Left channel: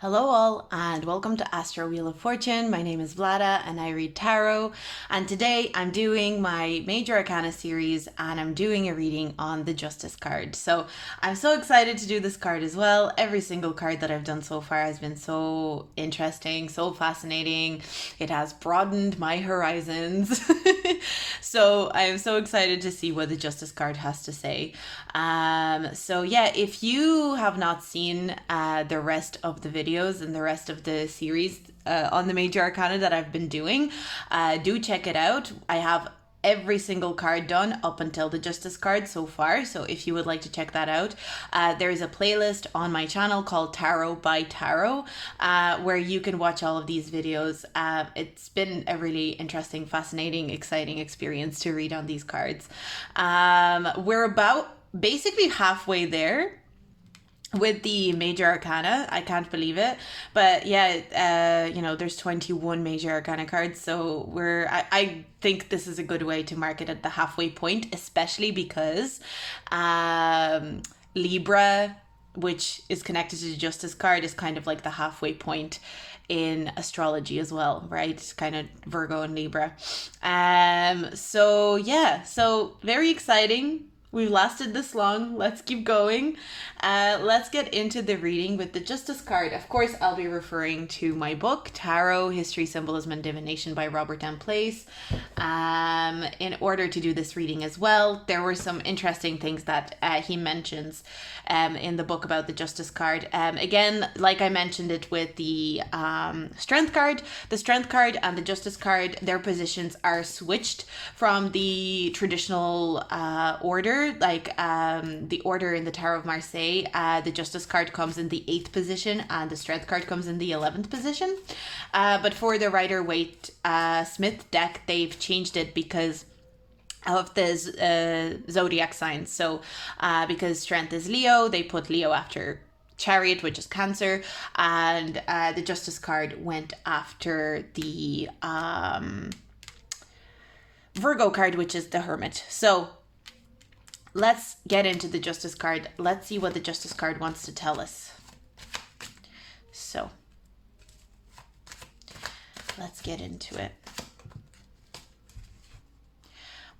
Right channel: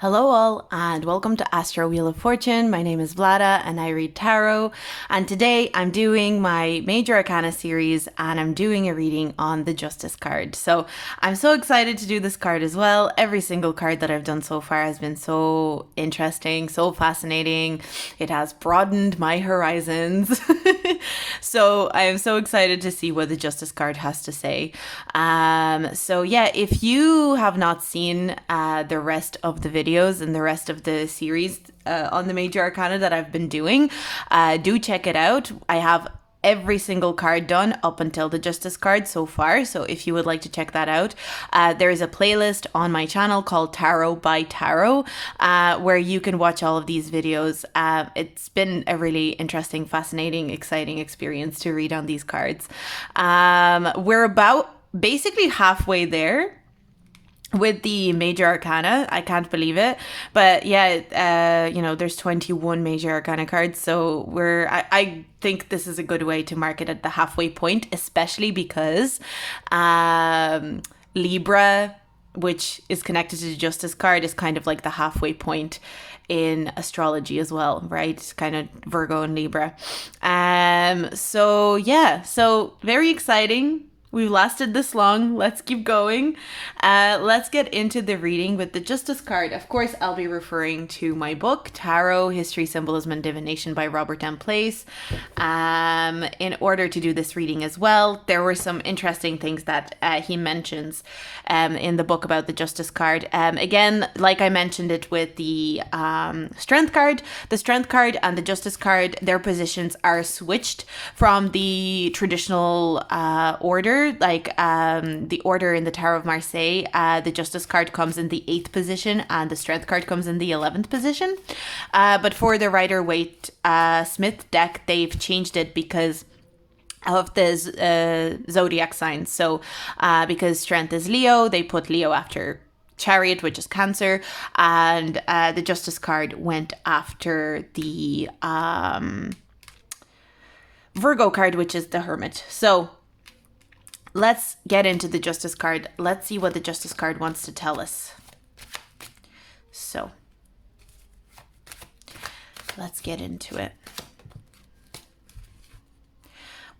Hello all and welcome to Astro Wheel of Fortune. My name is Vlada and I read tarot, and today I'm doing my Major Arcana series and I'm doing a reading on the Justice card. So I'm so excited to do this card as well. Every single card that I've done so far has been so interesting, so fascinating. It has broadened my horizons. So I am so excited to see what the Justice card has to say. So yeah, if you have not seen the rest of the videos and the rest of the series on the Major Arcana that I've been doing, do check it out. I have every single card done up until the Justice card so far, so if you would like to check that out, there is a playlist on my channel called Tarot by Tarot, where you can watch all of these videos. It's been a really interesting, fascinating, exciting experience to read on these cards. We're about basically halfway there with the Major Arcana. I can't believe it, but yeah, there's 21 Major Arcana cards, so I think this is a good way to mark it at the halfway point, especially because Libra, which is connected to the Justice card, is kind of like the halfway point in astrology as well, right? It's kind of Virgo and Libra. So yeah, so very exciting. We've lasted this long. Let's keep going. Let's get into the reading with the Justice card. Of course, I'll be referring to my book, Tarot, History, Symbolism, and Divination by Robert M. Place. In order to do this reading as well, there were some interesting things that he mentions in the book about the Justice card. Again, like I mentioned it with the Strength card, the Strength card and the Justice card, their positions are switched from the traditional order. Like the order in the Tower of Marseille, the Justice card comes in the 8th position and the Strength card comes in the 11th position. But for the Rider-Waite Smith deck, they've changed it because of the zodiac signs. So because Strength is Leo, they put Leo after Chariot, which is Cancer, and the Justice card went after the Virgo card, which is the Hermit. So let's get into the Justice card. Let's see what the Justice card wants to tell us. So let's get into it.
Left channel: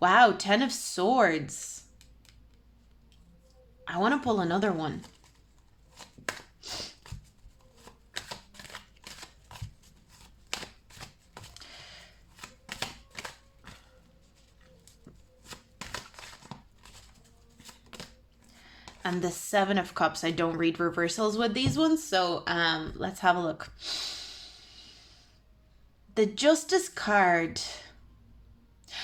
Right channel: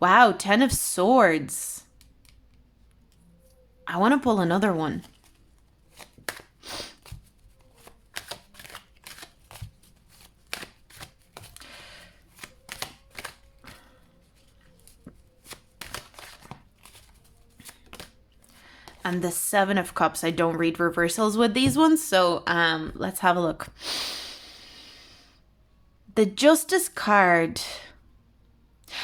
Wow, 10 of Swords. I want to pull another one. And the 7 of Cups. I don't read reversals with these ones, so let's have a look. The Justice card.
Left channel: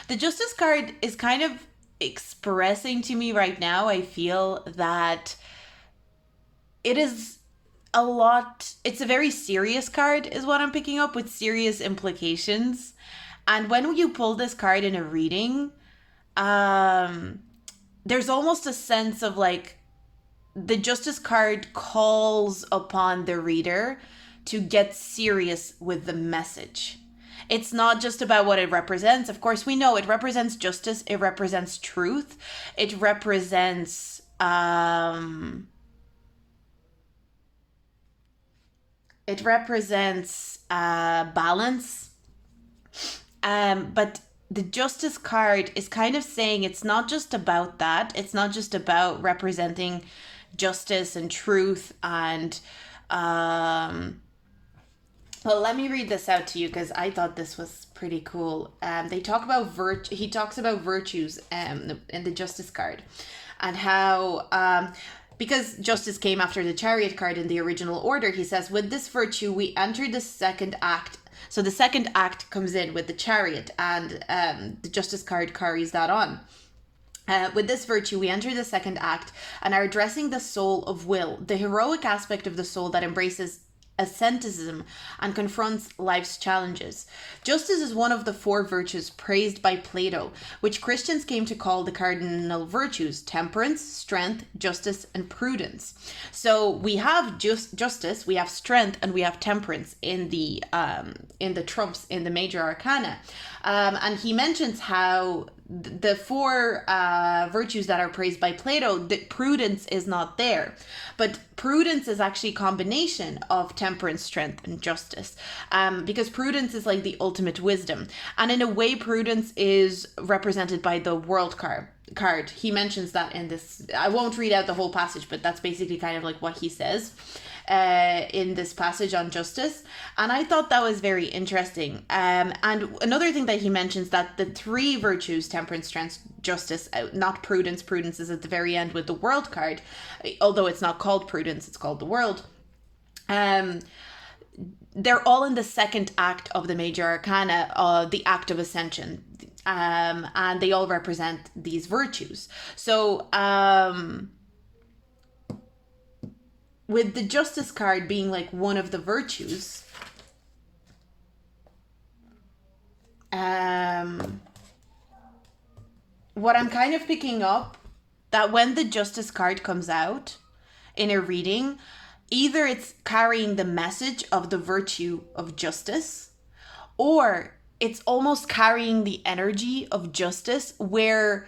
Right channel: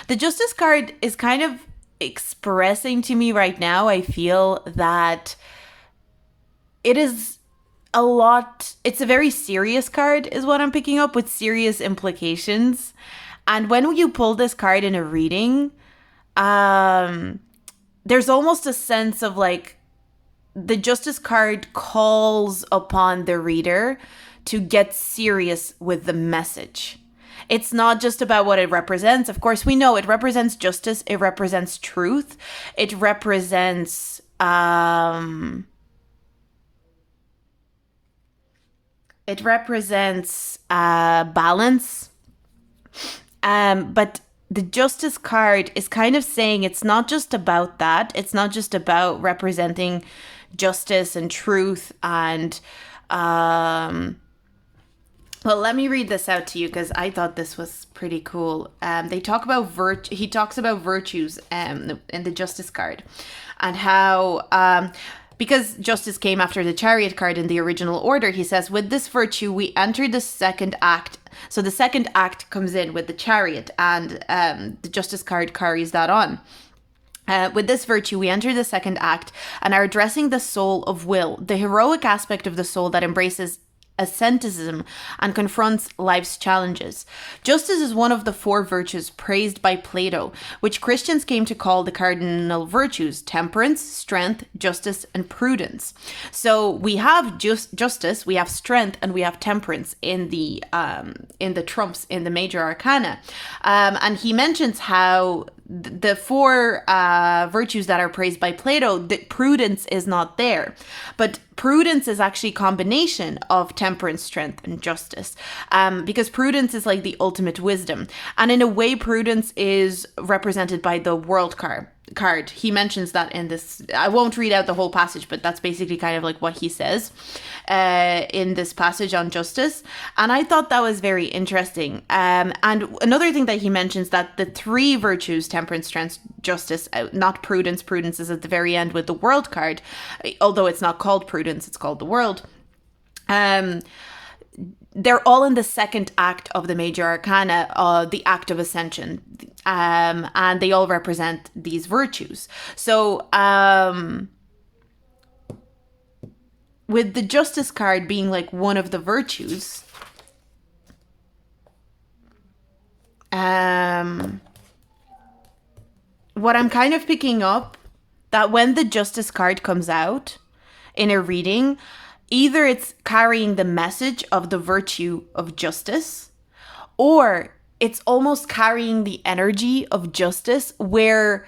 The Justice card is kind of expressing to me right now, I feel that it is a lot, it's a very serious card is what I'm picking up, with serious implications. And when you pull this card in a reading, there's almost a sense of like, the Justice card calls upon the reader to get serious with the message. It's not just about what it represents. Of course, we know it represents justice. It represents truth. It represents balance. But the Justice card is kind of saying it's not just about that. It's not just about representing justice and truth and well, let me read this out to you because I thought this was pretty cool. They talk about he talks about virtues in the Justice card, and how because justice came after the Chariot card in the original order, he says, with this virtue we enter the second act. So the second act comes in with the Chariot, and the Justice card carries that on. With this virtue, we enter the second act and are addressing the soul of will, the heroic aspect of the soul that embraces asceticism and confronts life's challenges. Justice is one of the 4 virtues praised by Plato, which Christians came to call the cardinal virtues: temperance, strength, justice, and prudence. So we have justice, we have strength, and we have temperance in the trumps in the Major Arcana. And he mentions how the four virtues that are praised by Plato, the prudence is not there. But prudence is actually a combination of temperance, strength, and justice. Because prudence is like the ultimate wisdom. And in a way, prudence is represented by the world card. He mentions that in this. I won't read out the whole passage, but that's basically kind of like what he says in this passage on justice. And I thought that was very interesting. And another thing that he mentions, that the three virtues, temperance, strength, justice, not prudence. Prudence is at the very end with the world card, although it's not called prudence, it's called the world. They're all in the second act of the major arcana, the act of ascension, and they all represent these virtues. So with the justice card being like one of the virtues, what I'm kind of picking up, that when the justice card comes out in a reading, either it's carrying the message of the virtue of justice, or it's almost carrying the energy of justice, where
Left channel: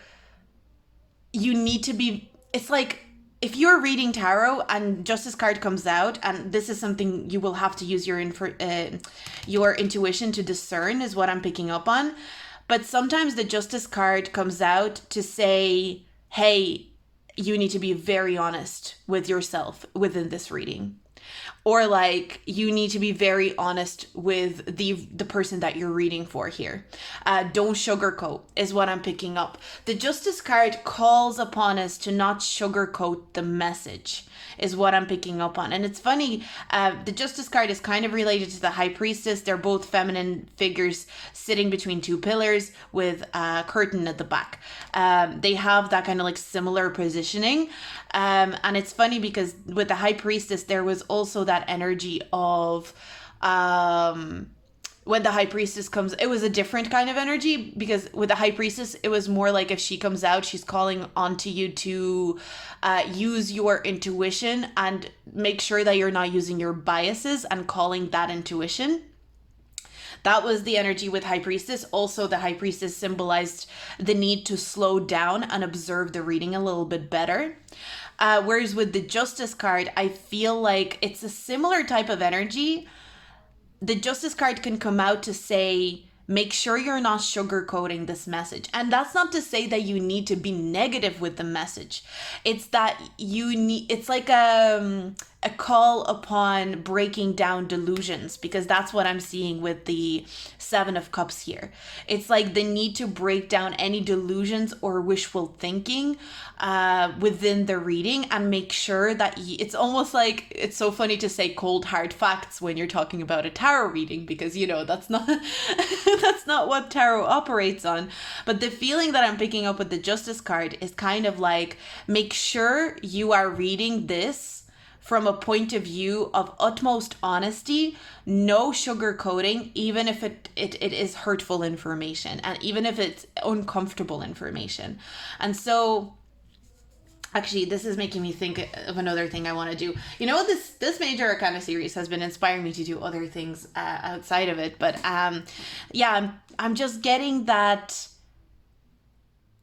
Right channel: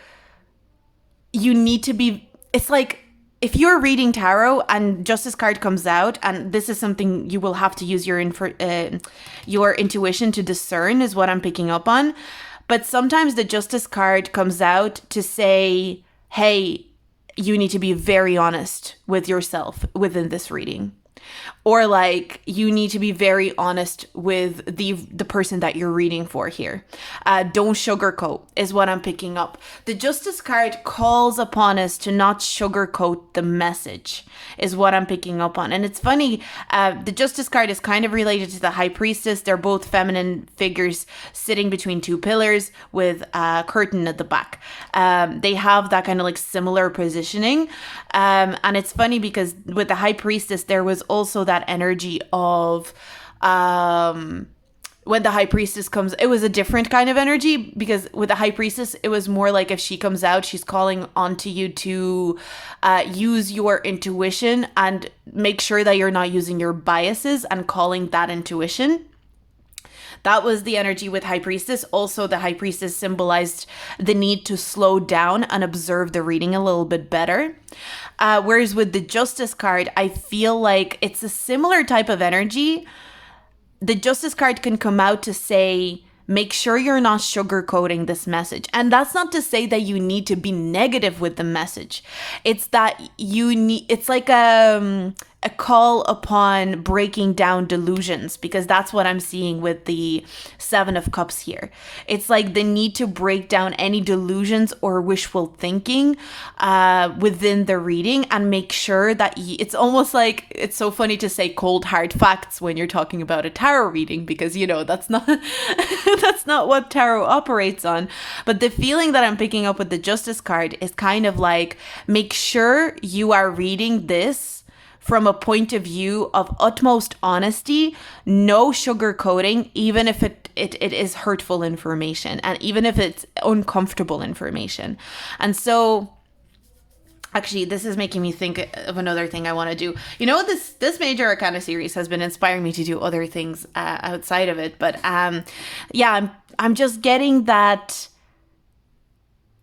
you need to be, it's like, if you're reading tarot and justice card comes out, and this is something you will have to use your intuition to discern, is what I'm picking up on. But sometimes the justice card comes out to say, hey, you need to be very honest with yourself within this reading. Or like, you need to be very honest with the person that you're reading for here. Don't sugarcoat is what I'm picking up. The Justice card calls upon us to not sugarcoat the message is what I'm picking up on. And it's funny, the Justice card is kind of related to the High Priestess. They're both feminine figures sitting between two pillars with a curtain at the back. They have that kind of like similar positioning. And it's funny because with the High Priestess, there was also that energy of when the High Priestess comes, it was a different kind of energy, because with the High Priestess, it was more like if she comes out, she's calling onto you to use your intuition and make sure that you're not using your biases and calling that intuition. That was the energy with High Priestess. Also, the High Priestess symbolized the need to slow down and observe the reading a little bit better. Whereas with the Justice card, I feel like it's a similar type of energy. The Justice card can come out to say, make sure you're not sugarcoating this message. And that's not to say that you need to be negative with the message. It's that you need, it's like a call upon breaking down delusions, because that's what I'm seeing with the Seven of Cups here. It's like the need to break down any delusions or wishful thinking within the reading, and make sure that it's almost like, it's so funny to say cold hard facts when you're talking about a tarot reading, because you know that's not that's not what tarot operates on. But the feeling that I'm picking up with the Justice card is kind of like, make sure you are reading this from a point of view of utmost honesty, no sugarcoating, even if it is hurtful information, and even if it's uncomfortable information. And so, actually, this is making me think of another thing I want to do. You know, this Major Arcana series has been inspiring me to do other things outside of it. But yeah, I'm just getting that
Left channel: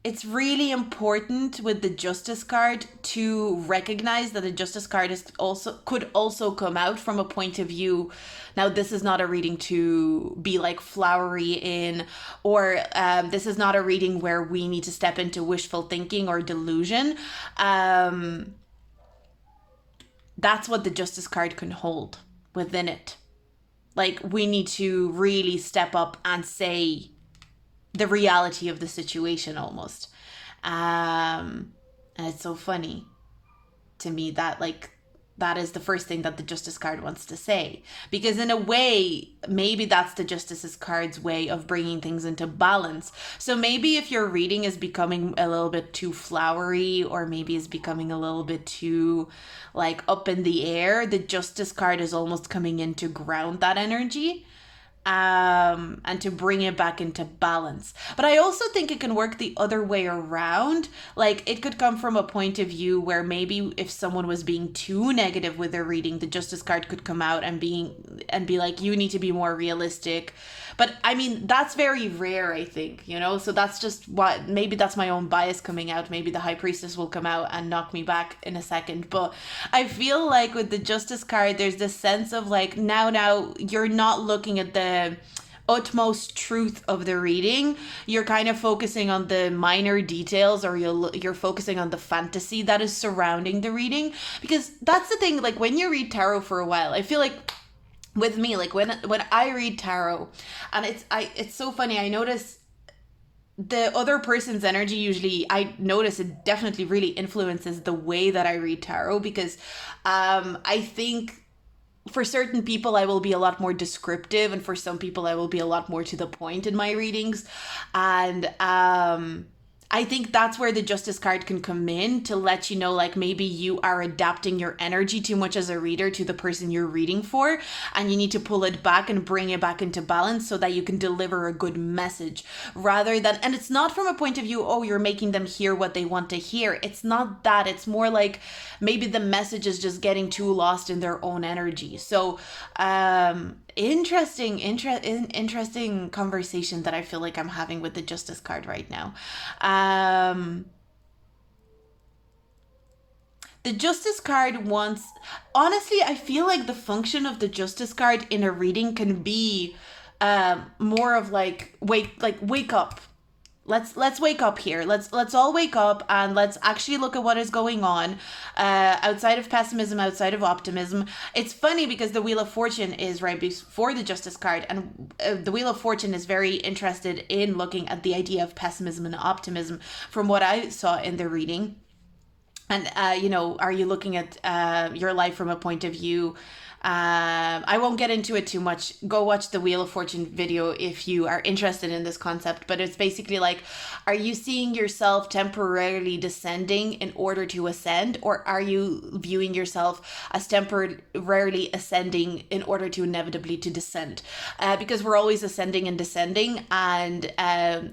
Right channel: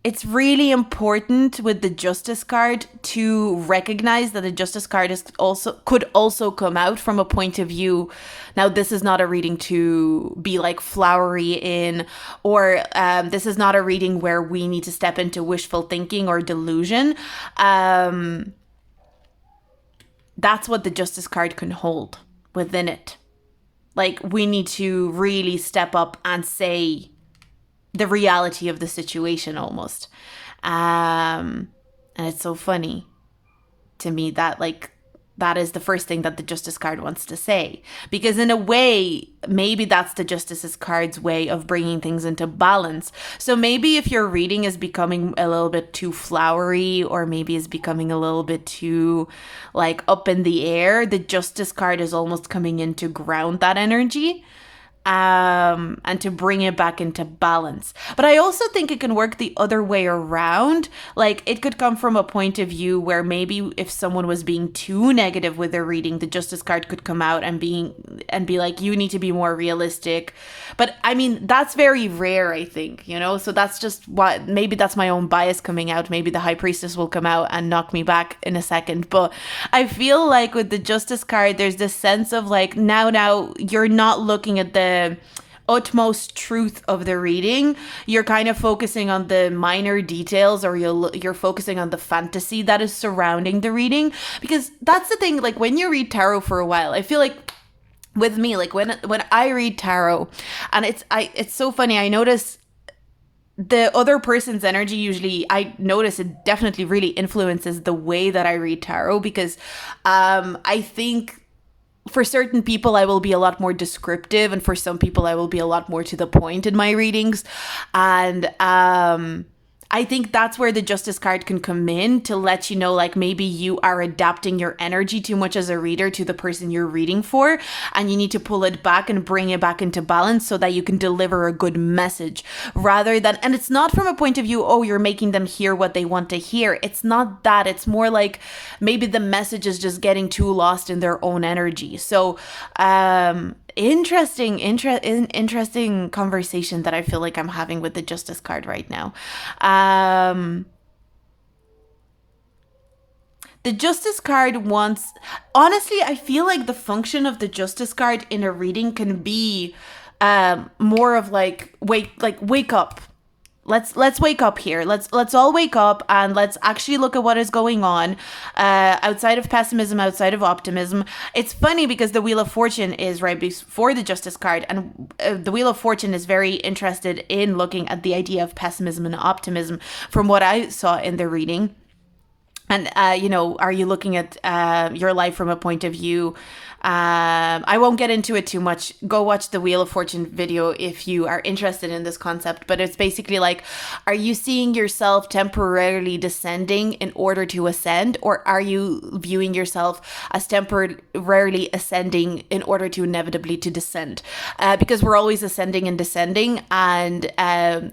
it's really important with the Justice card to recognize that the Justice card could also come out from a point of view. Now, this is not a reading to be like flowery in, or this is not a reading where we need to step into wishful thinking or delusion. That's what the Justice card can hold within it. Like, we need to really step up and say the reality of the situation almost. And it's so funny to me that like that is the first thing that the Justice card wants to say, because in a way maybe that's the Justice's card's way of bringing things into balance. So maybe if your reading is becoming a little bit too flowery, or maybe is becoming a little bit too like up in the air, the Justice card is almost coming in to ground that energy. and to bring it back into balance. But I also think it can work the other way around. Like, it could come from a point of view where maybe if someone was being too negative with their reading, the Justice card could come out and be like, you need to be more realistic. But I mean, that's very rare, I think, you know? So that's just what, maybe that's my own bias coming out. Maybe the High Priestess will come out and knock me back in a second. But I feel like with the Justice card, there's this sense of like, now you're not looking at the utmost truth of the reading. You're kind of focusing on the minor details, or you're focusing on the fantasy that is surrounding the reading. Because that's the thing, like when you read tarot for a while, I feel like with me, like when I read tarot, and it's so funny, I notice the other person's energy, usually I notice it definitely really influences the way that I read tarot, because I think for certain people I will be a lot more descriptive, and for some people I will be a lot more to the point in my readings. And I think that's where the Justice card can come in to let you know, like, maybe you are adapting your energy too much as a reader to the person you're reading for, and you need to pull it back and bring it back into balance so that you can deliver a good message, rather than, and it's not from a point of view, oh, you're making them hear what they want to hear. It's not that. It's more like maybe the message is just getting too lost in their own energy. So, interesting conversation that I feel like I'm having with the Justice card right now. The Justice card wants, honestly, I feel like the function of the Justice card in a reading can be more of like wake up. Let's wake up here. Let's all wake up and let's actually look at what is going on outside of pessimism, outside of optimism. It's funny because the Wheel of Fortune is right before the Justice card, and the Wheel of Fortune is very interested in looking at the idea of pessimism and optimism from what I saw in the reading. And, are you looking at your life from a point of view? I won't get into it too much. Go watch the Wheel of Fortune video if you are interested in this concept. But it's basically like, are you seeing yourself temporarily descending in order to ascend? Or are you viewing yourself as temporarily ascending in order to inevitably to descend? Because we're always ascending and descending, and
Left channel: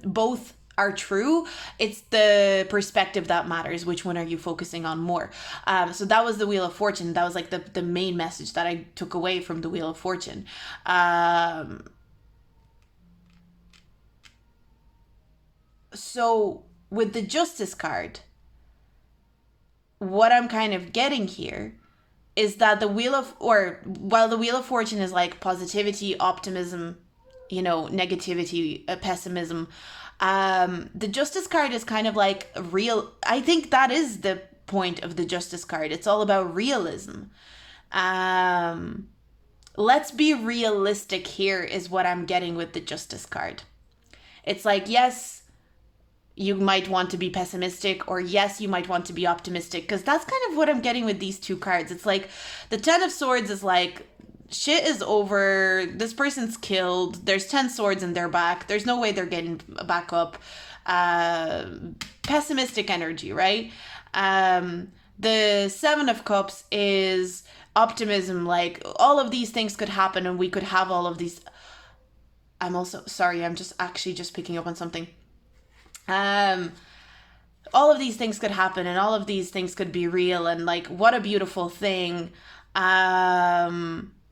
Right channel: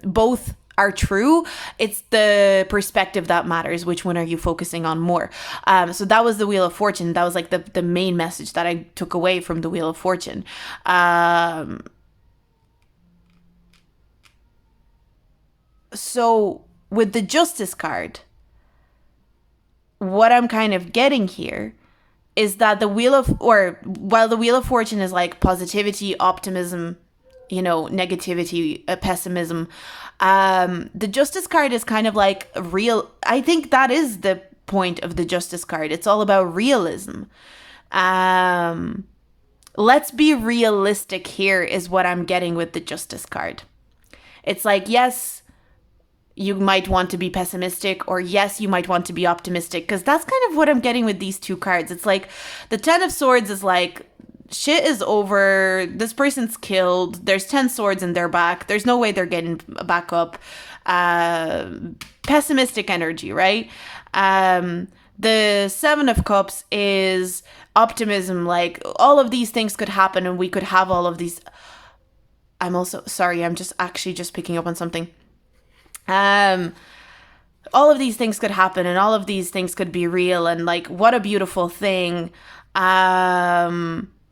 both are true. It's the perspective that matters. Which one are you focusing on more? So that was the Wheel of Fortune. That was like the main message that I took away from the Wheel of Fortune. So with the Justice card, what I'm kind of getting here is that while the Wheel of Fortune is like positivity, optimism, negativity, pessimism, the Justice card is kind of like real. I think that is the point of the Justice card. It's all about realism. Let's be realistic here is what I'm getting with the Justice card. It's like, yes, you might want to be pessimistic, or yes, you might want to be optimistic, because that's kind of what I'm getting with these two cards. It's like the Ten of Swords is like, shit is over, this person's killed, there's 10 swords in their back, there's no way they're getting back up. Pessimistic energy, right? The Seven of Cups is optimism, like all of these things could happen and we could have all of these. I'm also sorry, I'm just picking up on something. All of these things could happen and all of these things could be real, and like, what a beautiful thing.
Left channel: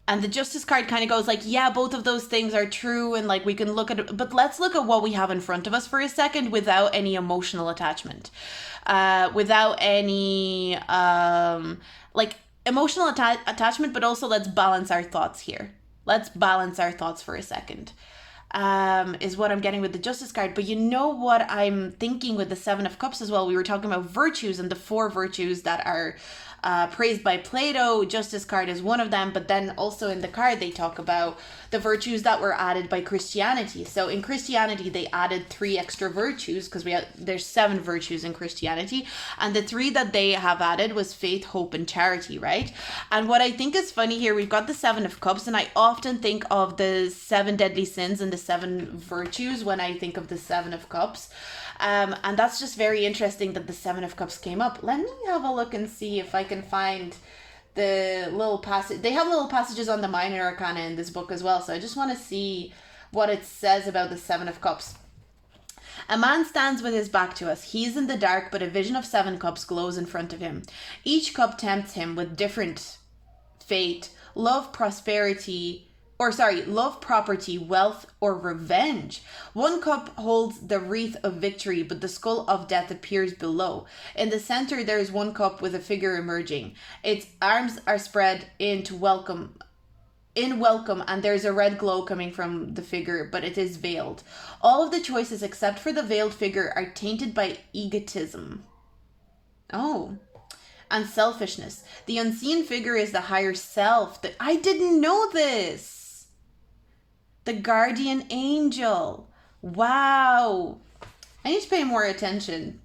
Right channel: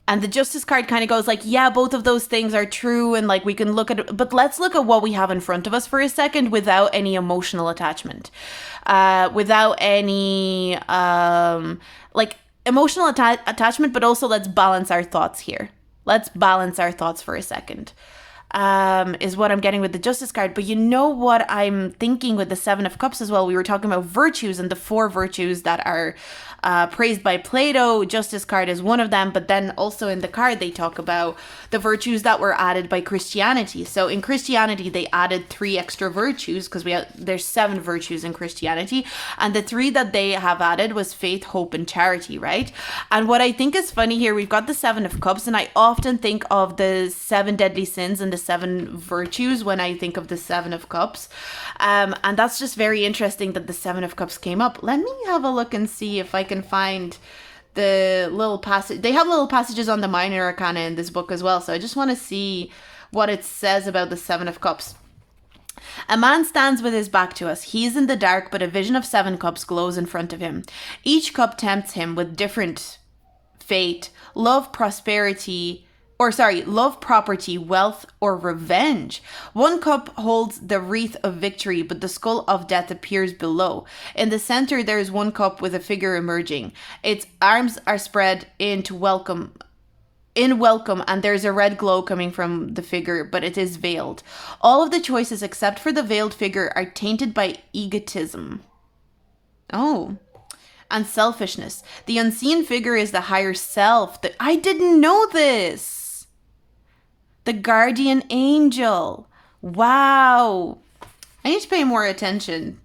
And the Justice card kind of goes like, yeah, both of those things are true, and like we can look at it, but let's look at what we have in front of us for a second without any emotional attachment, without any emotional attachment, but also let's balance our thoughts here. Let's balance our thoughts for a second. Is what I'm getting with the Justice card. But you know what I'm thinking with the Seven of Cups as well? We were talking about virtues and the 4 virtues that are praised by Plato. Justice card is one of them, but then also in the card they talk about the virtues that were added by Christianity. So in Christianity they added 3 extra virtues, because there's 7 virtues in Christianity, and the 3 that they have added was faith, hope, and charity, right? And what I think is funny here, we've got the Seven of Cups, and I often think of the 7 deadly sins and the 7 virtues when I think of the Seven of Cups. And that's just very interesting that the Seven of Cups came up. Let me have a look and see if I can find the little passage. They have little passages on the minor arcana in this book as well. So I just want to see what it says about the Seven of Cups. A man stands with his back to us. He is in the dark, but a vision of 7 cups glows in front of him. Each cup tempts him with different fate, love, property, wealth, or revenge. One cup holds the wreath of victory, but the skull of death appears below. In the center, there is one cup with a figure emerging. Its arms are spread in welcome, and there's a red glow coming from the figure, but it is veiled. All of the choices except for the veiled figure are tainted by egotism. Oh. And selfishness. The unseen figure is the higher self. I didn't know this. The guardian angel. Wow. I need to pay more attention.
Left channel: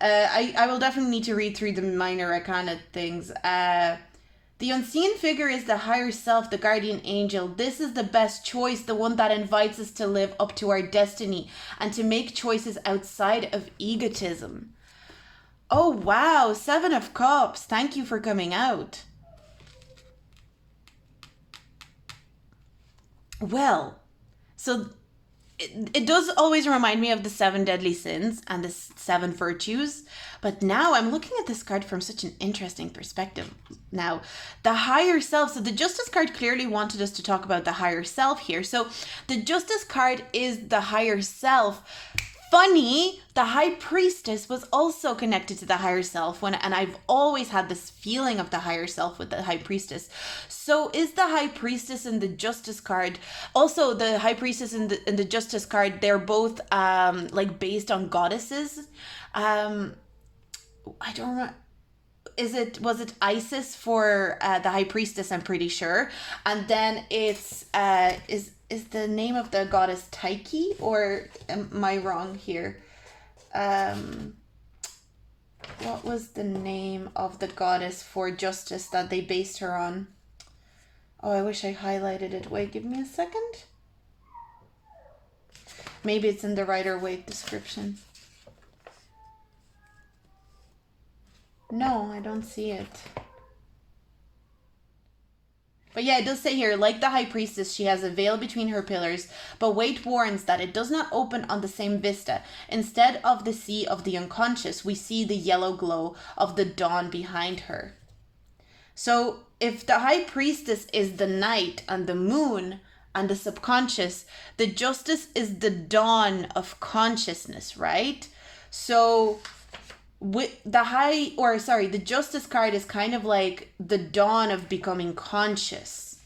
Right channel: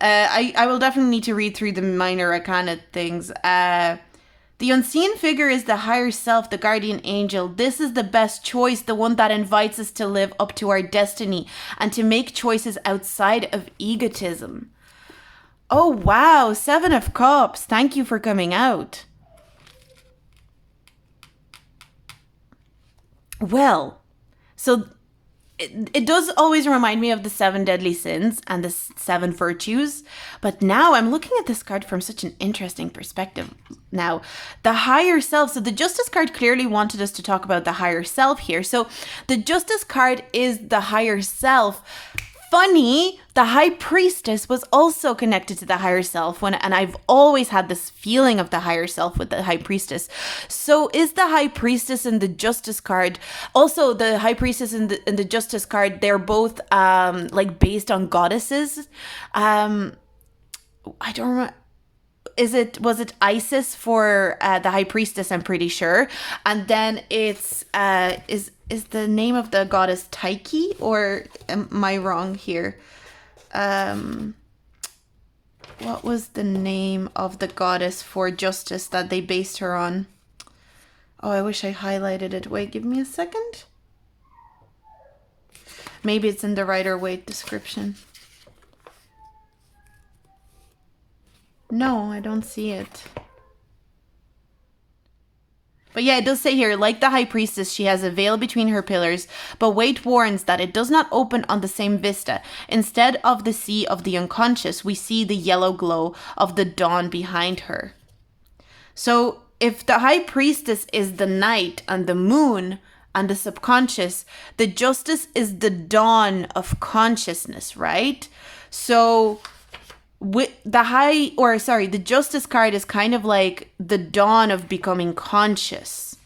I will definitely need to read through the minor arcana things. The unseen figure is the higher self, the guardian angel. This is the best choice, the one that invites us to live up to our destiny and to make choices outside of egotism. Oh, wow. 7 of Cups. Thank you for coming out. Well, so it does always remind me of the 7 deadly sins and the 7 virtues, but now I'm looking at this card from such an interesting perspective. Now, the higher self, so the Justice card clearly wanted us to talk about the higher self here. So the Justice card is the higher self. Funny, the High Priestess was also connected to the higher self, and I've always had this feeling of the higher self with the High Priestess. So is the High Priestess and the Justice card, also the High Priestess and the Justice card, they're both like based on goddesses. I don't remember. Was it Isis for the High Priestess? I'm pretty sure. And then it's is the name of the goddess Tyche, or am I wrong here? What was the name of the goddess for justice that they based her on? Oh, I wish I highlighted it. Wait, give me a second. Maybe it's in the Rider-Waite description. No, I don't see it. But yeah, it does say here, like the High Priestess, she has a veil between her pillars, but Waite warns that it does not open on the same vista. Instead of the sea of the unconscious, we see the yellow glow of the dawn behind her. So if the High Priestess is the night and the moon and the subconscious, the Justice is the dawn of consciousness, right? So with the Justice card is kind of like the dawn of becoming conscious.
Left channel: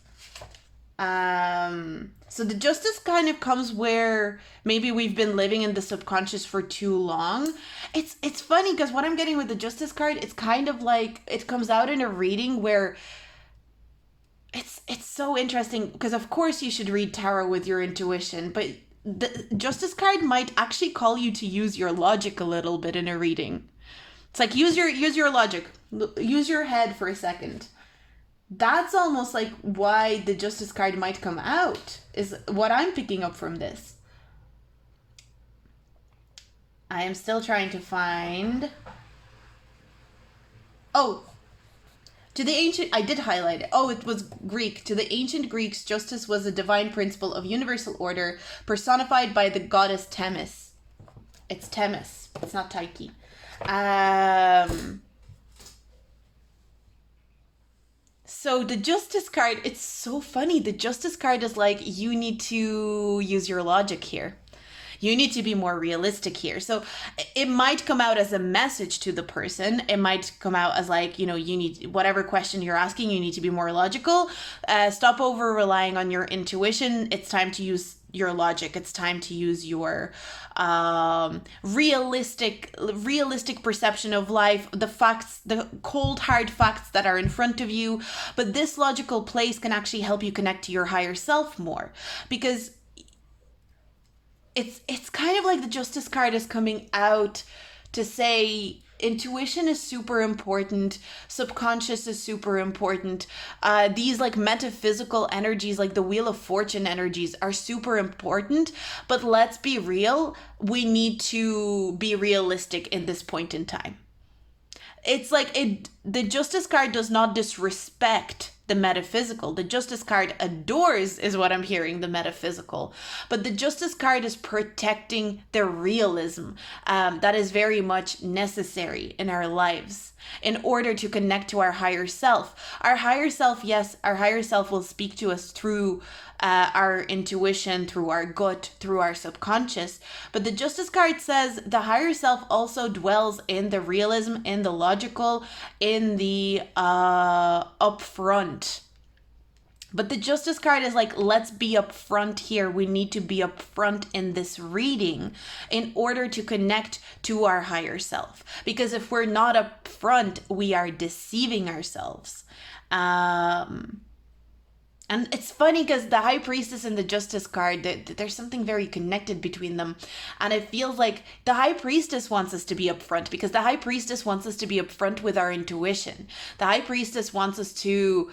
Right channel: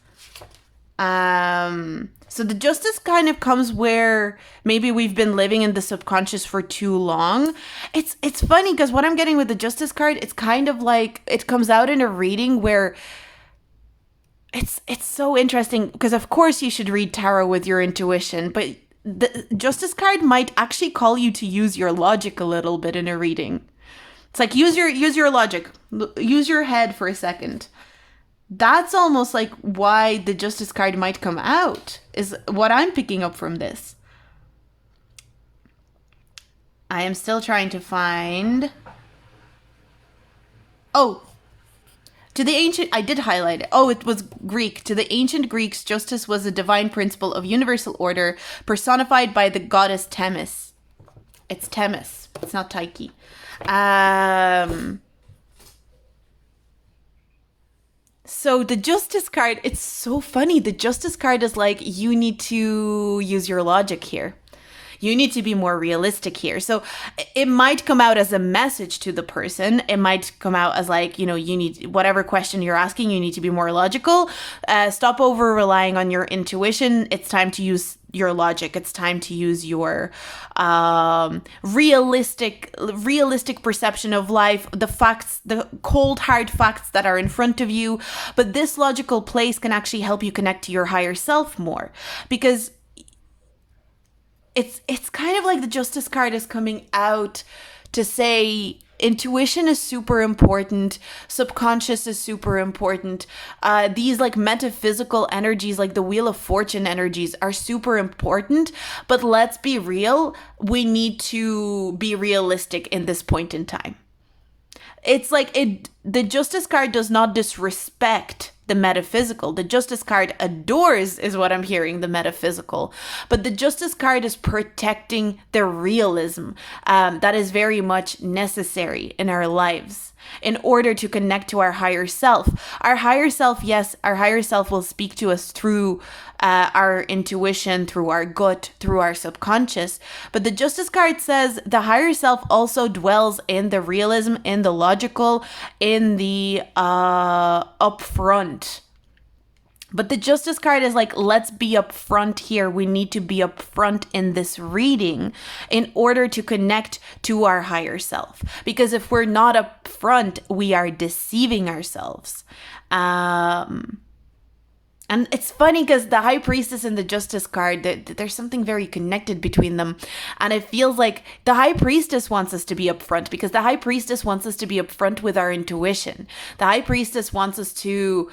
So the Justice kind of comes where maybe we've been living in the subconscious for too long. It's funny because what I'm getting with the Justice card, it's kind of like it comes out in a reading where it's so interesting because of course you should read tarot with your intuition, but the Justice card might actually call you to use your logic a little bit in a reading. It's like use your logic, use your head for a second. That's almost like why the Justice card might come out, is what I'm picking up from this. I am still trying to find. Oh, to the ancient, I did highlight it. Oh, it was Greek. To the ancient Greeks, justice was a divine principle of universal order personified by the goddess Themis. It's Themis. It's not Tyche. So the Justice card, it's so funny. The Justice card is like, you need to use your logic here. You need to be more realistic here. So it might come out as a message to the person. It might come out as like, you need, whatever question you're asking, you need to be more logical. Stop over relying on your intuition. It's time to use your logic. It's time to use your realistic perception of life, the facts, the cold, hard facts that are in front of you. But this logical place can actually help you connect to your higher self more, because it's kind of like the Justice card is coming out to say intuition is super important, subconscious is super important. These like metaphysical energies, like the Wheel of Fortune energies, are super important. But let's be real, we need to be realistic in this point in time. it's like the Justice card does not disrespect the metaphysical. The Justice card adores, is what I'm hearing, the metaphysical. But the Justice card is protecting the realism that is very much necessary in our lives in order to connect to our higher self. Our higher self, yes, our higher self will speak to us through our intuition, through our gut, through our subconscious. But the Justice card says the higher self also dwells in the realism, in the logical, in the upfront. But the Justice card is like, let's be upfront here. We need to be upfront in this reading in order to connect to our higher self. Because if we're not upfront, we are deceiving ourselves. And it's funny because the High Priestess and the Justice card, there's something very connected between them. And it feels like the High Priestess wants us to be upfront because the High Priestess wants us to be upfront with our intuition. The High Priestess wants us to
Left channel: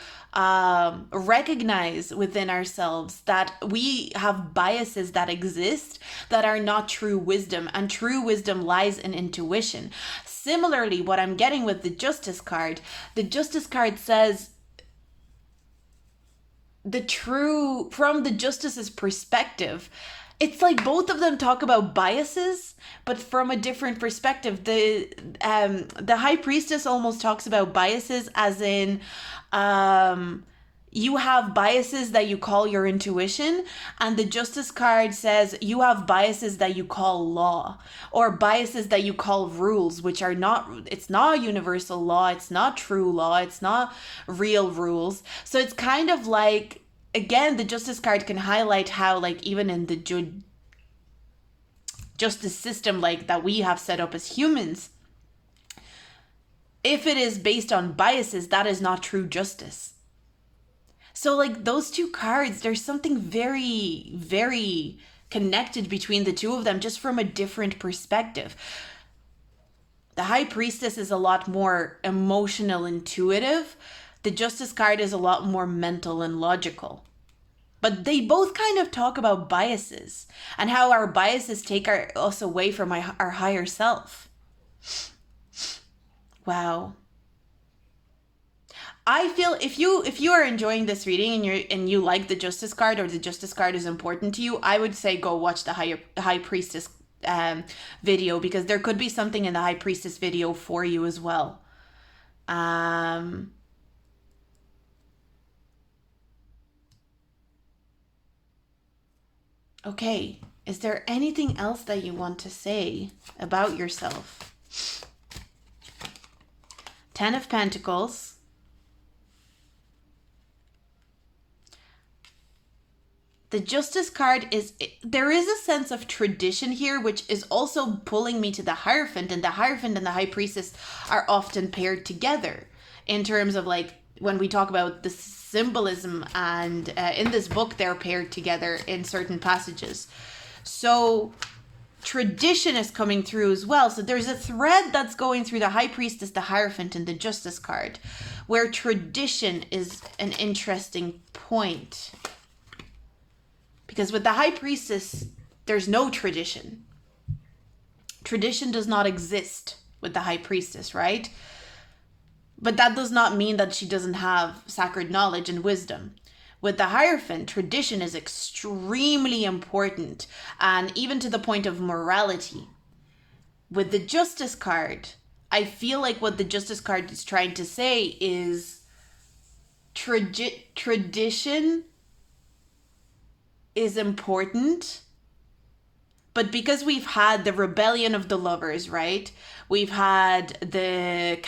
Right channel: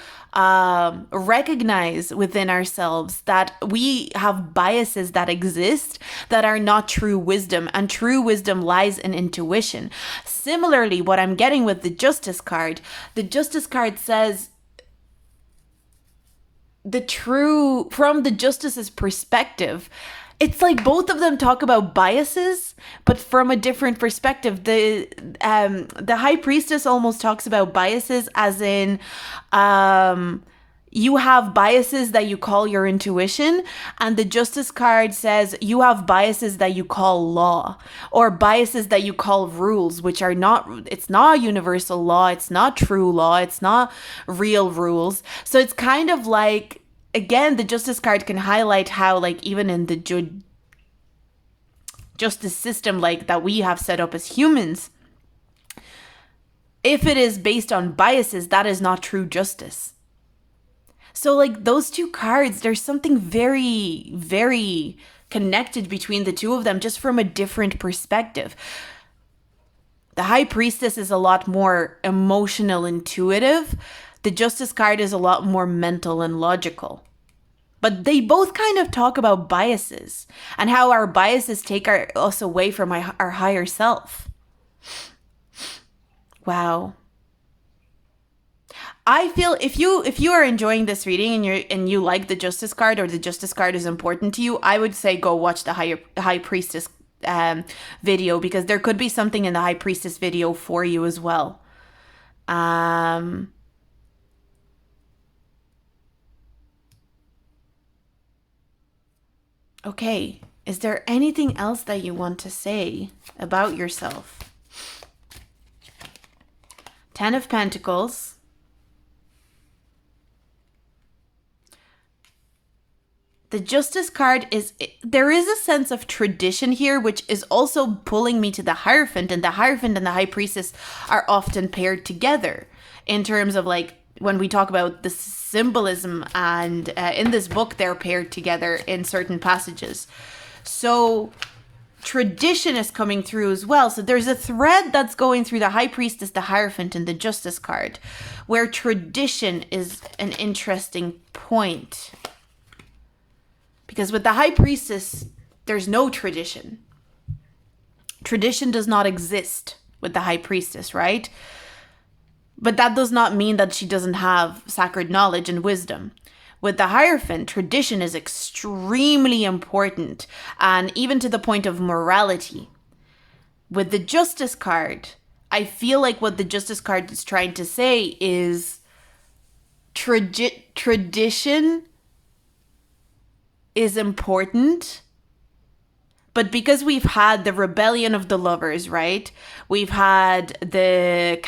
recognize within ourselves that we have biases that exist that are not true wisdom. And true wisdom lies in intuition. Similarly, what I'm getting with the Justice card says, from the Justice's perspective, it's like both of them talk about biases, but from a different perspective. The High Priestess almost talks about biases as in you have biases that you call your intuition, and the Justice card says you have biases that you call law, or biases that you call rules, which are not, it's not universal law, it's not true law, it's not real rules. So it's kind of like, again, the Justice card can highlight how, like, even in the justice system, like, that we have set up as humans, if it is based on biases, that is not true justice. So, like, those two cards, there's something very, very connected between the two of them, just from a different perspective. The High Priestess is a lot more emotional, intuitive. The Justice card is a lot more mental and logical. But they both kind of talk about biases and how our biases take us away from our higher self. Wow. I feel if you are enjoying this reading and you like the Justice card, or the Justice card is important to you, I would say go watch the High Priestess video, because there could be something in the High Priestess video for you as well. Okay, is there anything else that you want to say about yourself? 10 of Pentacles. The Justice card there is a sense of tradition here, which is also pulling me to the Hierophant, and the Hierophant and the High Priestess are often paired together in terms of, like, when we talk about the symbolism, and in this book, they're paired together in certain passages. So tradition is coming through as well. So there's a thread that's going through the High Priestess, the Hierophant, and the Justice card, where tradition is an interesting point. Because with the High Priestess, there's no tradition. Tradition does not exist with the High Priestess, right? But that does not mean that she doesn't have sacred knowledge and wisdom. With the Hierophant, tradition is extremely important, and even to the point of morality. With the Justice card, I feel like what the Justice card is trying to say is tradition is important, but because we've had the rebellion of the lovers, right? We've had the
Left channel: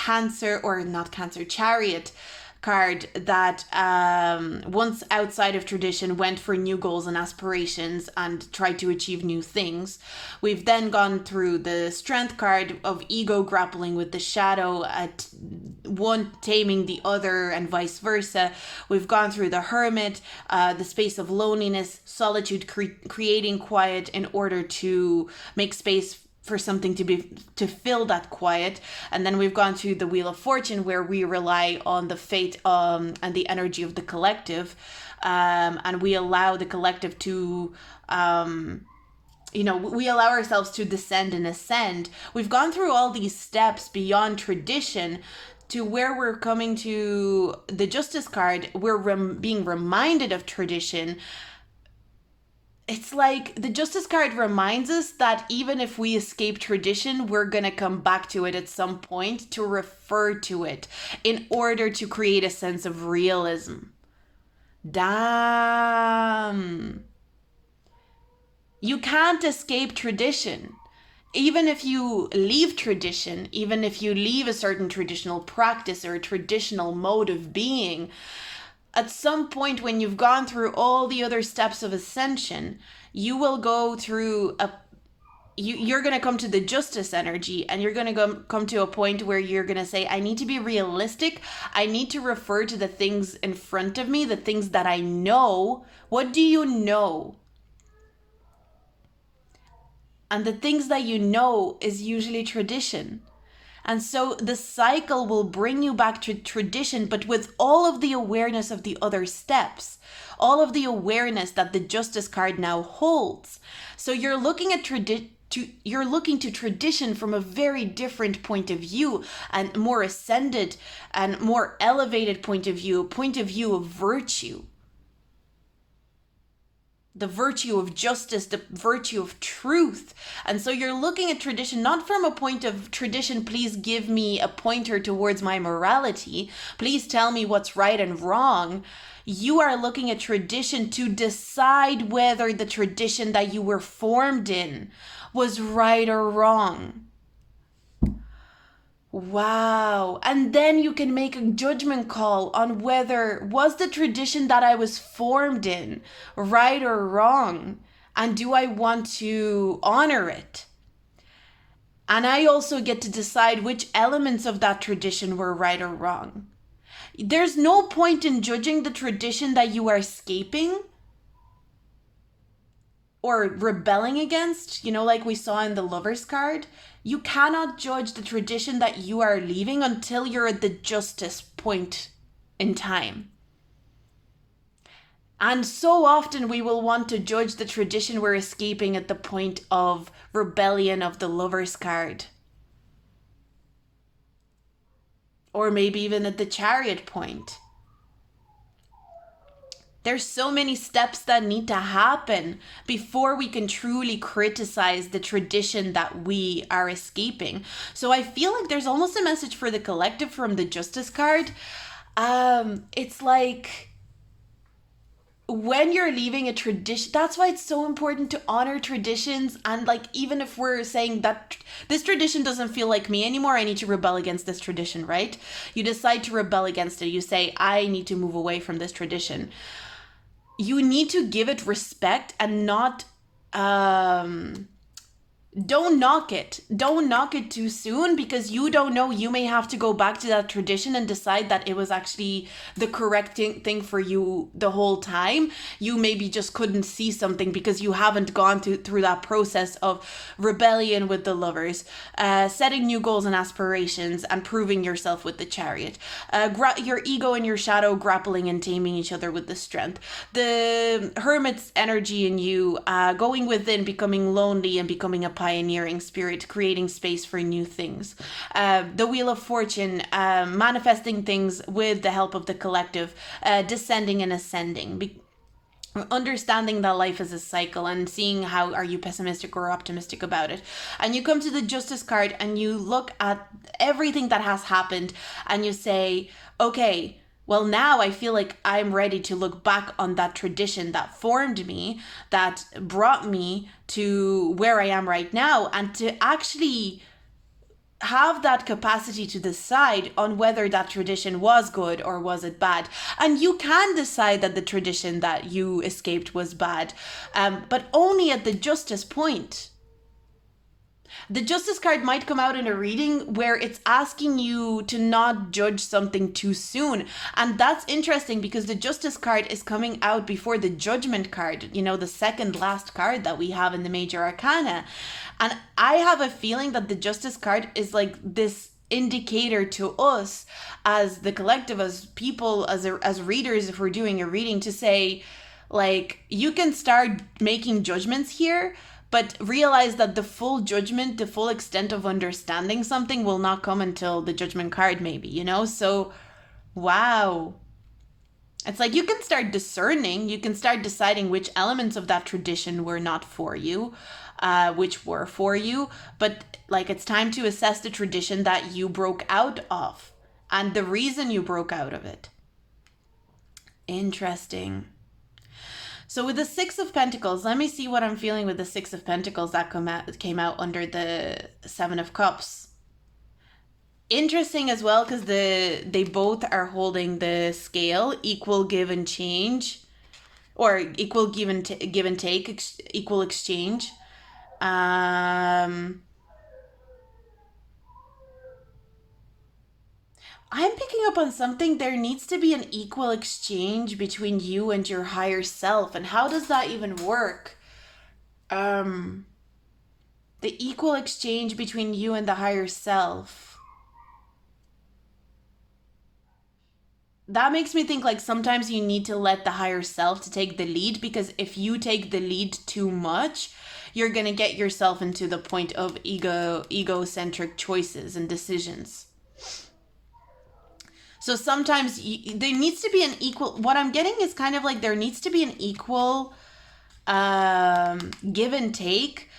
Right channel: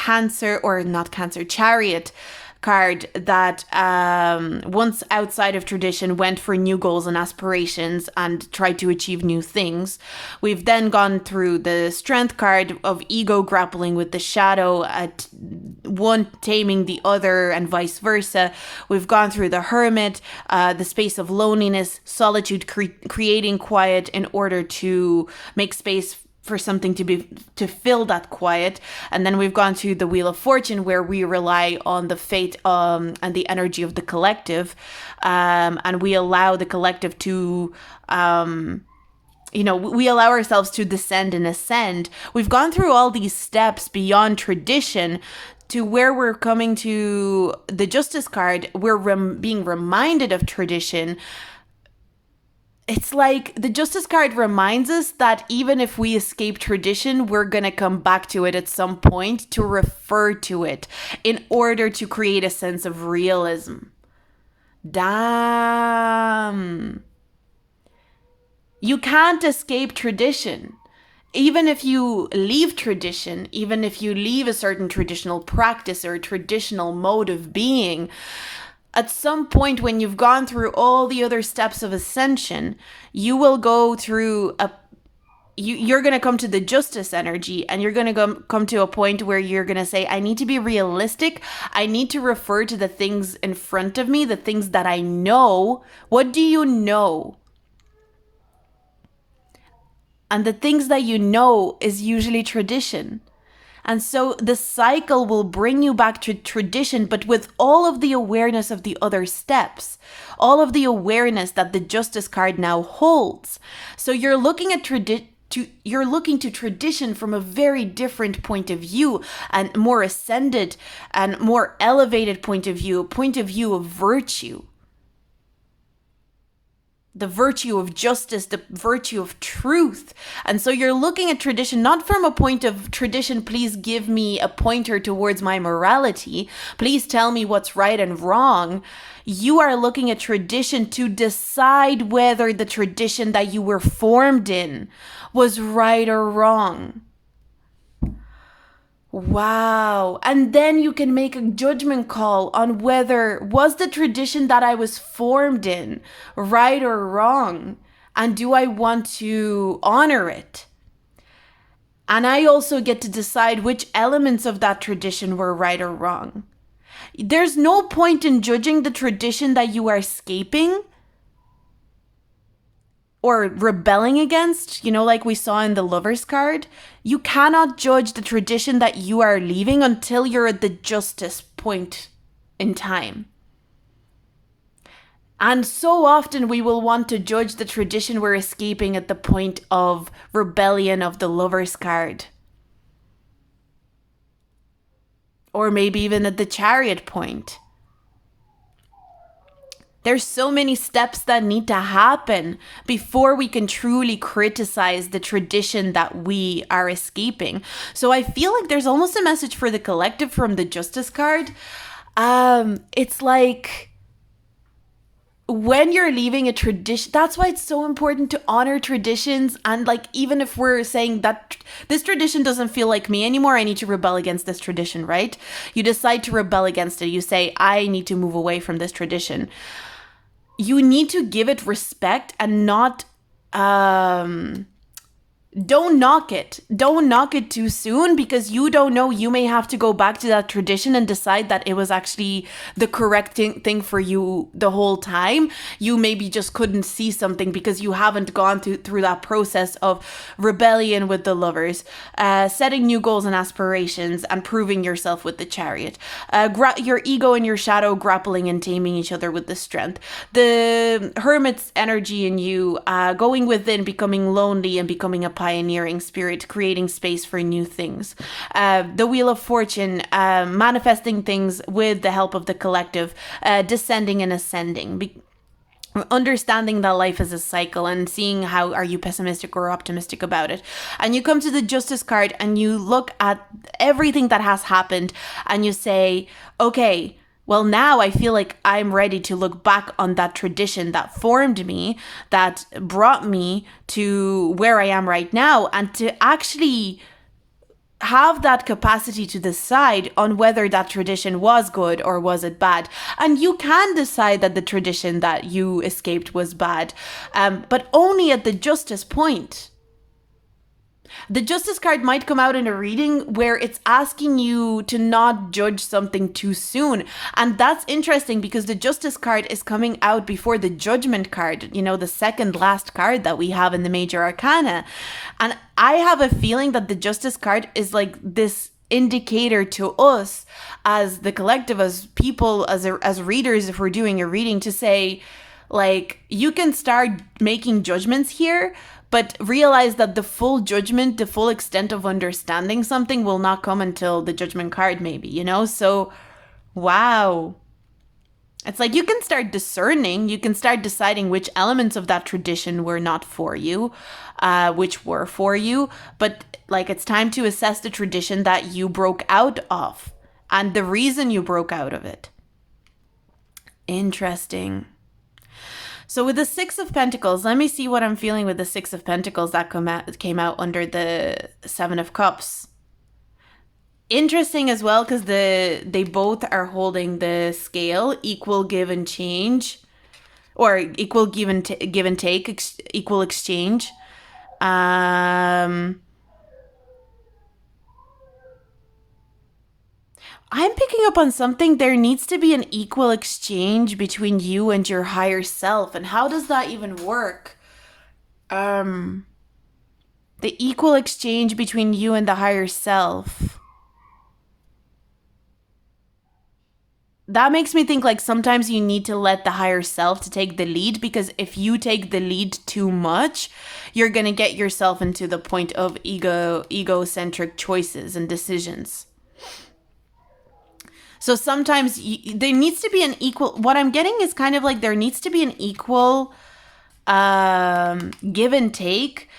Chariot card that once outside of tradition went for new goals and aspirations and tried to achieve new things. We've then gone through the Strength card of ego grappling with the shadow, at one taming the other and vice versa. We've gone through the Hermit, the space of loneliness, solitude, creating quiet in order to make space for something to fill that quiet. And then we've gone through the Wheel of Fortune, where we rely on the fate and the energy of the collective, and we allow the collective to we allow ourselves to descend and ascend. We've gone through all these steps beyond tradition to where we're coming to the Justice card. We're being reminded of tradition. It's like the Justice card reminds us that even if we escape tradition, we're going to come back to it at some point to refer to it in order to create a sense of realism. Damn. You can't escape tradition. Even if you leave tradition, even if you leave a certain traditional practice or a traditional mode of being, at some point when you've gone through all the other steps of ascension, you will go through you're going to come to the justice energy, and you're going to come to a point where you're going to say, I need to be realistic. I need to refer to the things in front of me, the things that I know. What do you know? And the things that you know is usually tradition. And so the cycle will bring you back to tradition, but with all of the awareness of the other steps, all of the awareness that the Justice card now holds. So you're looking at you're looking to tradition from a very different point of view, and more ascended and more elevated point of view, a point of view of virtue. The virtue of justice, the virtue of truth. And so you're looking at tradition not from a point of tradition, please give me a pointer towards my morality, please tell me what's right and wrong. You are looking at tradition to decide whether the tradition that you were formed in was right or wrong. Wow. And then you can make a judgment call on whether was the tradition that I was formed in right or wrong, and do I want to honor it? And I also get to decide which elements of that tradition were right or wrong. There's no point in judging the tradition that you are escaping or rebelling against, like we saw in the Lover's card. You cannot judge the tradition that you are leaving until you're at the justice point in time. And so often we will want to judge the tradition we're escaping at the point of rebellion of the Lover's card. Or maybe even at the Chariot point. There's so many steps that need to happen before we can truly criticize the tradition that we are escaping. So I feel like there's almost a message for the collective from the Justice card. It's like when you're leaving a tradition, that's why it's so important to honor traditions. And like, even if we're saying that this tradition doesn't feel like me anymore, I need to rebel against this tradition, right? You decide to rebel against it. You say, I need to move away from this tradition. You need to give it respect and not, don't knock it. Don't knock it too soon, because you don't know. You may have to go back to that tradition and decide that it was actually the correct thing for you the whole time. You maybe just couldn't see something because you haven't gone through that process of rebellion with the Lovers, setting new goals and aspirations, and proving yourself with the Chariot. Your ego and your shadow grappling and taming each other with the Strength. The Hermit's energy in you, going within, becoming lonely and becoming a pioneering spirit, creating space for new things. The Wheel of Fortune, manifesting things with the help of the collective, descending and ascending. Understanding that life is a cycle and seeing how are you pessimistic or optimistic about it. And you come to the Justice card and you look at everything that has happened and you say, okay, well, now I feel like I'm ready to look back on that tradition that formed me, that brought me to where I am right now, and to actually have that capacity to decide on whether that tradition was good or was it bad. And you can decide that the tradition that you escaped was bad, but only at the justice point. The Justice card might come out in a reading where it's asking you to not judge something too soon. And that's interesting because the Justice card is coming out before the Judgment card, the second last card that we have in the Major Arcana. And I have a feeling that the Justice card is like this indicator to us as the collective, as people, as readers, if we're doing a reading, to say, like, you can start making judgments here, but realize that the full judgment, the full extent of understanding something will not come until the judgment card, maybe, you know? So, wow. It's like you can start discerning, you can start deciding which elements of that tradition were not for you, which were for you. But like it's time to assess the tradition that you broke out of and the reason you broke out of it. Interesting. So with the Six of Pentacles, let me see what I'm feeling with the Six of Pentacles that came out under the Seven of Cups. Interesting as well, because they both are holding the scale, equal give and change, or equal give and take, equal exchange. I'm picking up on something. There needs to be an equal exchange between you and your higher self. And how does that even work? The equal exchange between you and the higher self. That makes me think like sometimes you need to let the higher self to take the lead, because if you take the lead too much, you're going to get yourself into the point of egocentric choices and decisions. So sometimes there needs to be an equal, what I'm getting is kind of like there needs to be an equal give and take,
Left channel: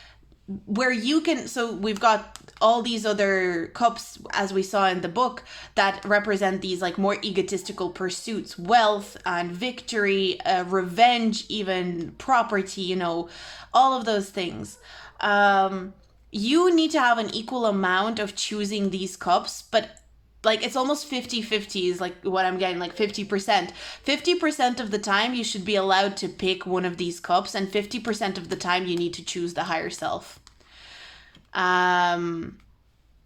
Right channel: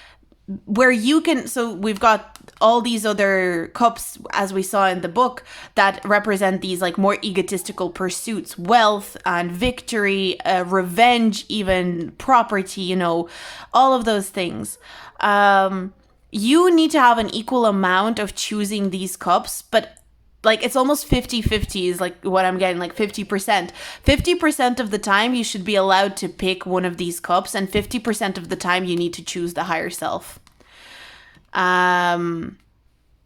where you can, so we've got all these other cups, as we saw in the book, that represent these like more egotistical pursuits, wealth and victory, revenge, even property, you know, all of those things. You need to have an equal amount of choosing these cups, but like it's almost 50-50 is like what I'm getting, like 50%. 50% of the time you should be allowed to pick one of these cups, and 50% of the time you need to choose the higher self.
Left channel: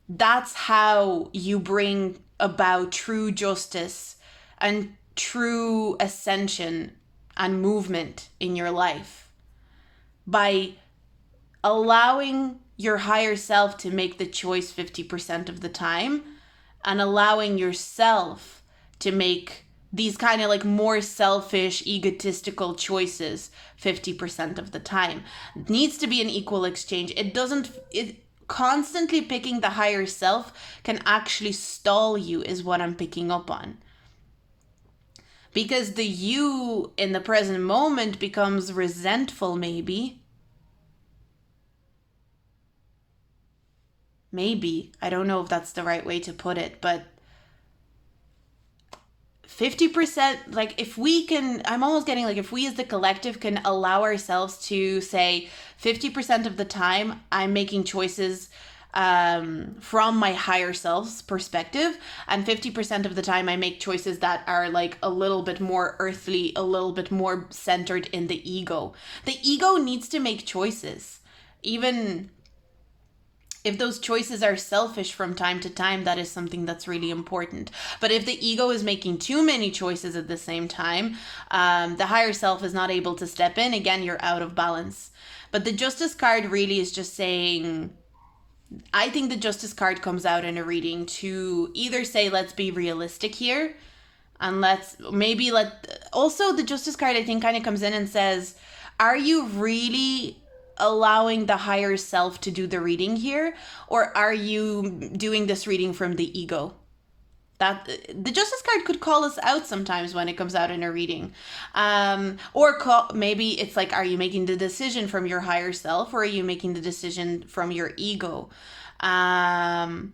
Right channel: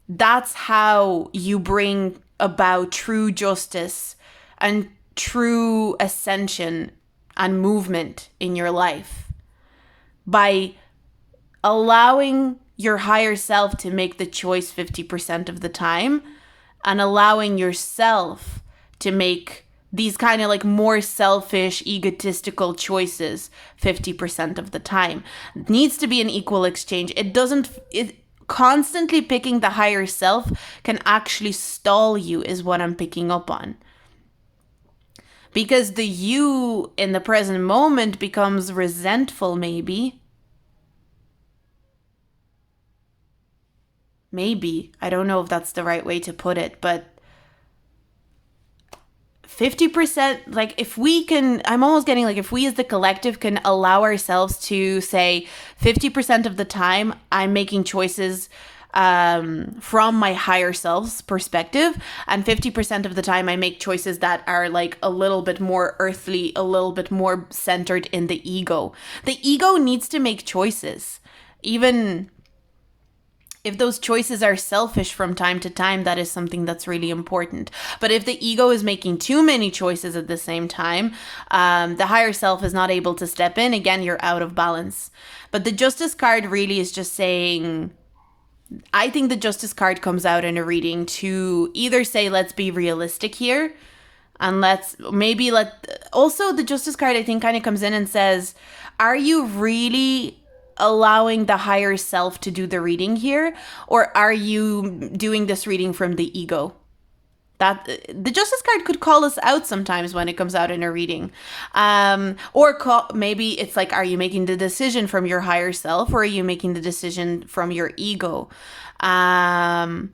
That's how you bring about true justice and true ascension and movement in your life, by allowing your higher self to make the choice 50% of the time, and allowing yourself to make these kind of like more selfish, egotistical choices 50% of the time. It needs to be an equal exchange. Constantly picking the higher self can actually stall you, is what I'm picking up on. Because the you in the present moment becomes resentful, maybe. Maybe. I don't know if that's the right way to put it, but 50%, like if we can, I'm almost getting like if we as the collective can allow ourselves to say 50% of the time I'm making choices from my higher self's perspective, and 50% of the time I make choices that are like a little bit more earthly, a little bit more centered in the ego. The ego needs to make choices. Even if those choices are selfish from time to time, that is something that's really important. But if the ego is making too many choices at the same time, the higher self is not able to step in. Again, you're out of balance. But the Justice card really is just saying, I think the Justice card comes out in a reading to either say, let's be realistic here, and also the Justice card I think kind of comes in and says, are you really allowing the higher self to do the reading here, or are you doing this reading from the ego? That the Justice card could call us out sometimes when it comes out in a reading, maybe it's like, are you making the decision from your higher self, or are you making the decision from your ego? And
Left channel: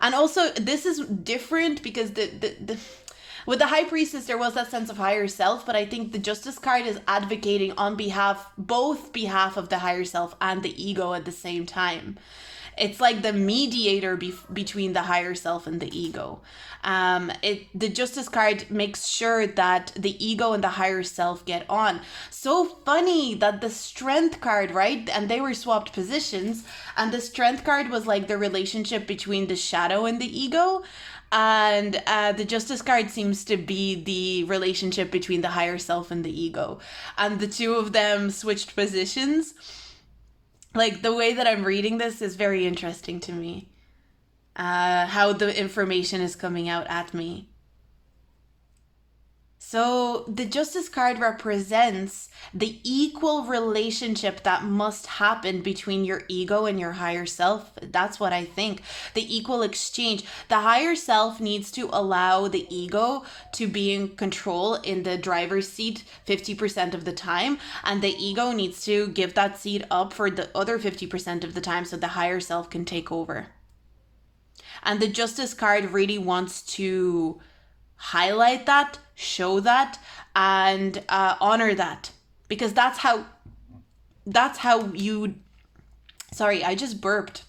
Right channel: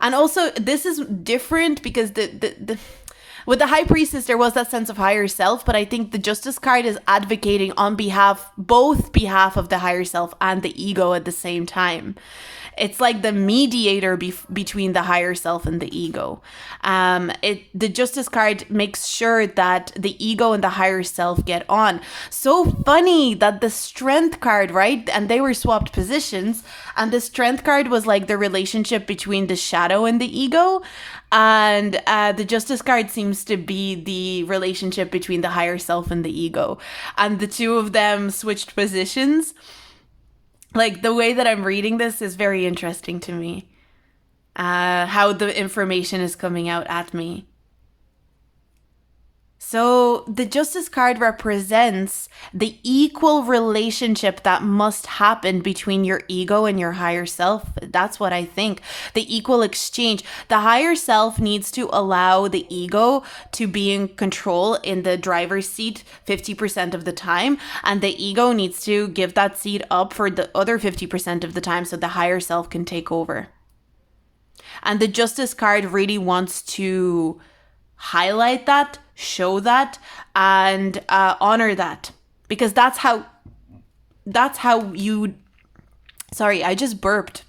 also this is different because the with the High Priestess, there was that sense of higher self, but I think the Justice card is advocating on both behalf of the higher self and the ego at the same time. It's like the mediator between the higher self and the ego. The Justice card makes sure that the ego and the higher self get on. So funny that the Strength card, right? And they were swapped positions. And the Strength card was like the relationship between the shadow and the ego. And the Justice card seems to be the relationship between the higher self and the ego. And the two of them switched positions. Like, the way that I'm reading this is very interesting to me. How the information is coming out at me. So the Justice card represents the equal relationship that must happen between your ego and your higher self. That's what I think. The equal exchange. The higher self needs to allow the ego to be in control in the driver's seat 50% of the time, and the ego needs to give that seat up for the other 50% of the time so the higher self can take over. And the Justice card really wants to highlight that, show that, and honor that, because that's how you. Sorry, I just burped.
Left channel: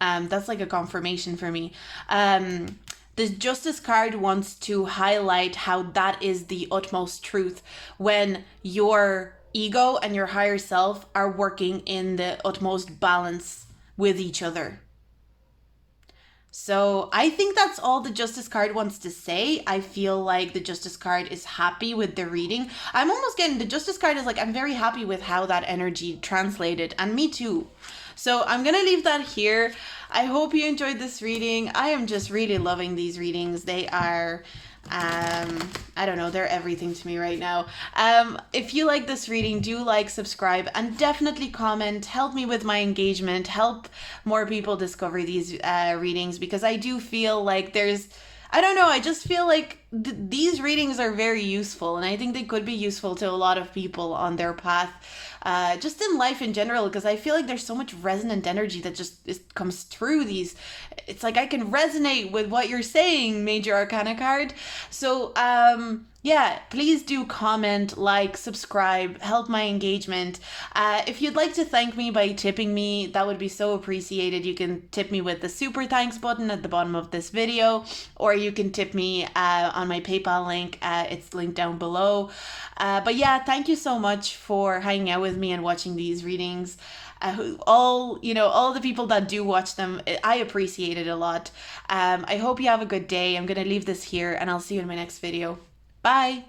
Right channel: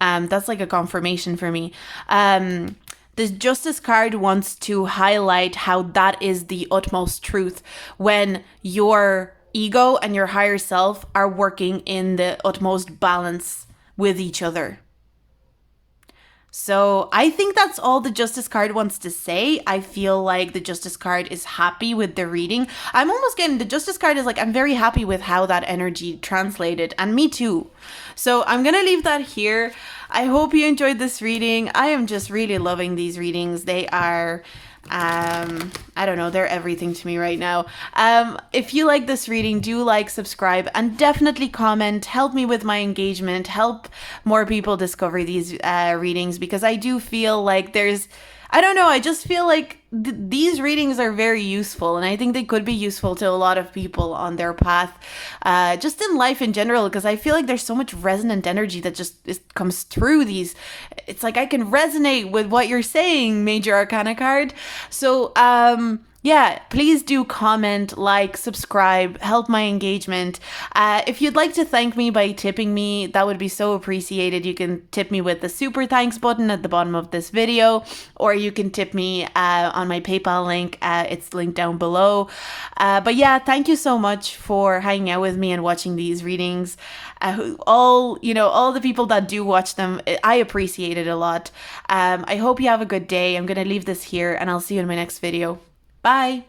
That's like a confirmation for me. The Justice card wants to highlight how that is the utmost truth when your ego and your higher self are working in the utmost balance with each other. So I think that's all the Justice card wants to say. I feel like the Justice card is happy with the reading. I'm almost getting, the Justice card is like, I'm very happy with how that energy translated, and me too. So I'm going to leave that here. I hope you enjoyed this reading. I am just really loving these readings. They are, I don't know, they're everything to me right now. If you like this reading, do like, subscribe, and definitely comment. Help me with my engagement. Help more people discover these readings, because I do feel like there's, I don't know, I just feel like these readings are very useful, and I think they could be useful to a lot of people on their path, just in life in general, because I feel like there's so much resonant energy that just comes through these. It's like I can resonate with what you're saying, Major Arcana card. So, yeah, please do comment, like, subscribe, help my engagement. If you'd like to thank me by tipping me, that would be so appreciated. You can tip me with the super thanks button at the bottom of this video, or you can tip me on my PayPal link. It's linked down below. But yeah, thank you so much for hanging out with me and watching these readings. All the people that do watch them, I appreciate it a lot. I hope you have a good day. I'm gonna leave this here, and I'll see you in my next video. Bye.